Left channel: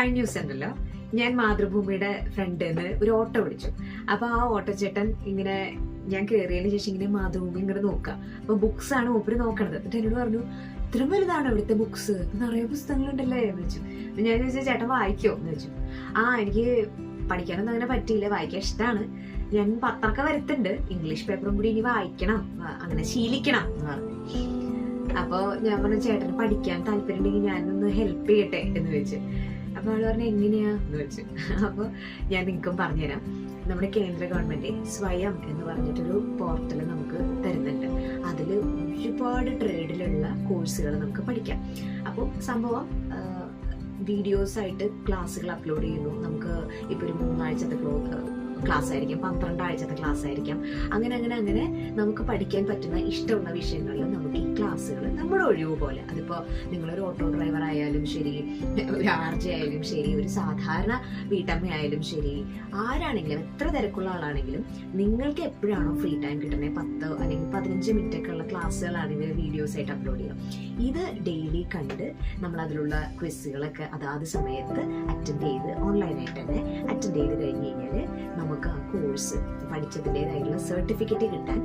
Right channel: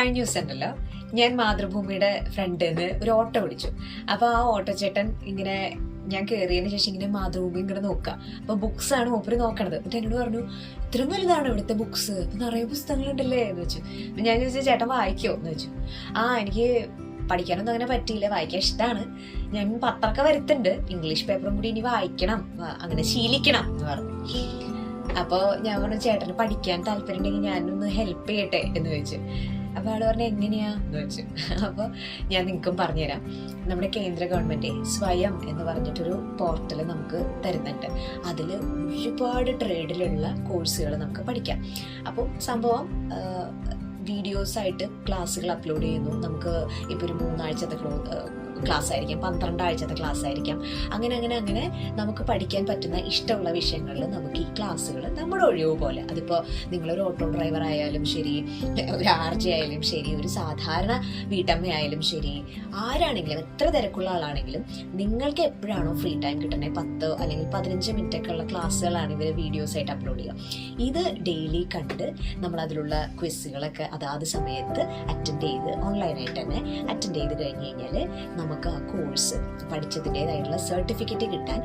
കഴിഞ്ഞ ദിവസം ഉണ്ടല്ലോ ഞാൻ മാതൃഭൂമിയുടെ ഫ്രണ്ടിൽ നിന്ന് ഒരു ഓട്ടോ വിളിച്ചു. അപ്പൊ ആ ഓട്ടോ ചേട്ടൻ ഇങ്ങനെ ഞാൻ കയറിയതിന് ശേഷം ഇങ്ങനെ മാതൃഭൂമി ഇങ്ങനെ നോക്കുക അപ്പൊ ബുക്സ് ആണ് മൂപ്പര് നോക്കണത്. എന്നിട്ട് എന്നോട് പറഞ്ഞു ഇത്രയും വലുതാണ് ഇവിടുത്തെ ബുക്സ് നിറയെ പുസ്തകങ്ങളുണ്ടല്ലേ എന്ന് വെച്ചു ഞാൻ ചോദിച്ചാൽ ചേട്ടൻ വായിക്കോ എന്ന് വെച്ചു ആ എനിക്ക് പഠിക്കാനൊന്നും അങ്ങനെ പറ്റിയില്ല. വായിക്കാൻ ഇഷ്ടമാണ് ഞാൻ പത്രമൊക്കെ വരുത്തുന്നുണ്ട്. ഇംഗ്ലീഷ് പേപ്പറും കൂടി ഇനി വായിക്കണം. അങ്ങനെ ശീലിക്കണം എന്ന് പറഞ്ഞു. അപ്പോൾ ഞാൻ പറഞ്ഞു ചേട്ടന് പഠിക്കാൻ താല്പര്യം ഉണ്ടെങ്കിൽ ഞാനൊന്ന് ഹെൽപ്പ് ചെയ്യട്ടെ എന്ന് ചോദിച്ചു. അപ്പോൾ ആൾ പറഞ്ഞു എങ്ങനെയാ? എന്ന് വെച്ചു. അപ്പോൾ ഞാൻ നിങ്ങൾക്കും പറഞ്ഞുതരാം. നമ്മുടെ കേന്ദ്ര ഗവൺമെന്റ് സ്വയം എന്ന് പറഞ്ഞിട്ടൊരു പോർട്ടൽ നമുക്ക് തരുന്നുണ്ട്. അതിൽ ഒരുപാട് ട്രേഡിലുള്ള കോഴ്സുകൾ നമുക്ക് പഠിക്കാം. അപ്പോൾ സംഭവം വീഡിയോസായിട്ട് ക്ലാസ്സുകൾ അപ്ലോഡ് ചെയ്യുന്നു. നമുക്ക് ഇപ്പോൾ ഒരു മൂന്നാഴ്ചത്തെ ക്ലോ ക്ലാസ് ആയിരിക്കാം പന്ത്രണ്ടാഴ്ചത്തെ ക്ലാസ് ആയിരിക്കാം അങ്ങനെ അങ്ങനെ അങ്ങനെ നമുക്ക് പഠിക്കാൻ പറ്റുന്ന ഇഷ്ടമുള്ള വിഷയങ്ങളിൽ നമുക്ക് ഈ ക്ലാസ്സുകൾ നമ്മുടെ ഒഴിവ് പോലെ. അതിപ്പോൾ നിങ്ങളൊരു ഓട്ടോ ഡ്രൈവർ ആയാലും ശരി ഒരു ആർ ജെ ആയാലും ശരി ഒരു സാധാരണ വീട്ടമ്മയായാലും ശരി ആരാണെങ്കിലും എത്ര തിരക്കുള്ള ആളാണെങ്കിലും നിങ്ങൾക്ക് എപ്പോഴാണോ ഫ്രീ ടൈം കിട്ടണേ? പത്ത് അല്ലെങ്കിൽ പതിനഞ്ച് മിനിറ്റ് ഒക്കെ ഉള്ള ക്ലാസ്സുകളാണ് വീഡിയോസ് ആയിട്ട് അപ്ലോഡ് ചെയ്യുക. ഇത് ഡെയിലി കണ്ട് നമ്മൾ അതിലുള്ള ക്വിസുകളൊക്കെ അതാത് സമയത്ത് അറ്റൻഡ് ചെയ്ത് ഓൺലൈനായിട്ട് തന്നെ അറ്റൻഡ് ചെയ്ത് കഴിഞ്ഞ് കഴിഞ്ഞാൽ നമുക്ക് ആ കോഴ്സ് പഠിച്ചതിന്റെതായിട്ടുള്ള സർട്ടിഫിക്കറ്റ് കിട്ടാൻ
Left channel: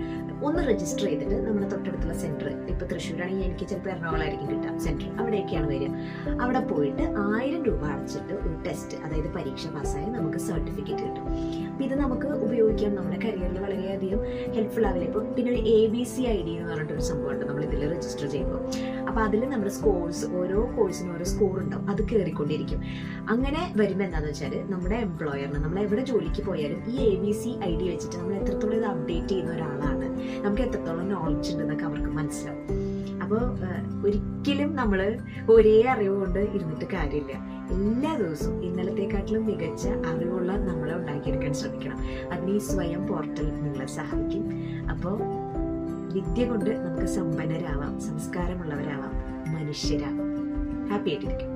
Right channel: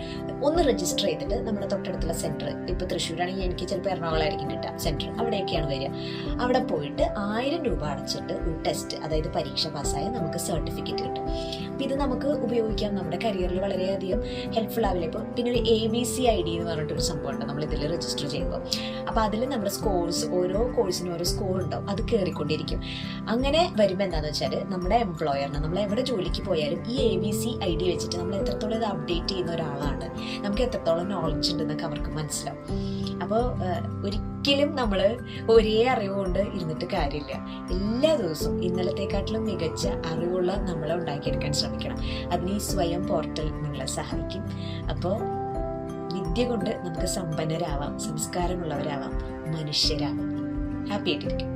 ഒന്ന് രജിസ്റ്റർ ചെയ്തിട്ട് നമ്മുടെ തൊട്ടടുത്തുള്ള സെന്റർ ഇപ്പോൾ തൃശ്ശൂരാണെങ്കിൽ എനിക്ക് ചിലപ്പോൾ എറണാകുളമായിരിക്കും കിട്ടുക. സെന്റർ അവിടെയൊക്കെയാണ് വരിക. അവിടെ പോയിട്ട് ആയിരം രൂപ അടച്ചിട്ട് ഒരു ടെസ്റ്റ് അതായത് പരീക്ഷ പാസ്സായ നമുക്ക് സർട്ടിഫിക്കറ്റ് കിട്ടും. അപ്പോൾ ഇത് നമുക്ക് ഉപയോഗിക്കാം. നമ്മുടെ കരിയറിൽ വളരെയധികം ഹെൽപ്ഫുൾ ആവില്ല. ഇപ്പോൾ പിന്നെ ഒരു A B C I D എന്ന് പറഞ്ഞിട്ടൊരു സംഭവമുണ്ട് നമ്മൾ ഇതിൽ രജിസ്റ്റർ ചെയ്യുമ്പോൾ. അപ്പോൾ അതിൽ നമ്മുടെ സ്കോഴ്സ് ഓരോ കോഴ്സിനും ഓരോ സ്കോർ ഉണ്ടാവും. അത് കയറിക്കൊണ്ടിരിക്കും അങ്ങനെ വരുമ്പോൾ എന്താണെന്ന് വെച്ചാൽ നമ്മുടെ എംപ്ലോയറിന് നമ്മൾ എവിടെ ജോലിക്ക് പോയാലും ഈ A B C I D വെച്ചിട്ട് നമ്മൾ എത്രത്തോളം ഇത് അപ്ഡേറ്റ് ചെയ്യുന്ന ഒരാളാണ്. നമുക്ക് എത്രത്തോളം നോളജ് ഉണ്ടെന്നൊക്കെ അവർക്ക് മനസ്സിലാവും. അപ്പോൾ ഒരിക്കലും നമ്മൾ ഒരേ അറിവ് കൊണ്ട് ഇരുന്നിട്ട് കാര്യമില്ല. എല്ലാ ദിവസവും ഇന്നലത്തെക്കാട്ടിലും മികച്ച അറിവുള്ള നമ്മളെ ഉണ്ടാക്കിയെടുക്കാൻ ശ്രമിക്കണം. അതിന് ഈ സ്വയം പോർട്ടൽ നിങ്ങളെ സഹായിക്കും. അപ്പോൾ വിദ്യ കൊണ്ട് നമുക്ക് സമ്പന്നരാവാം സംസ്കാരമുള്ളവരാവാം മനുഷ്യരാവാം. ഹാപ്പി ആയിട്ടിരിക്കും.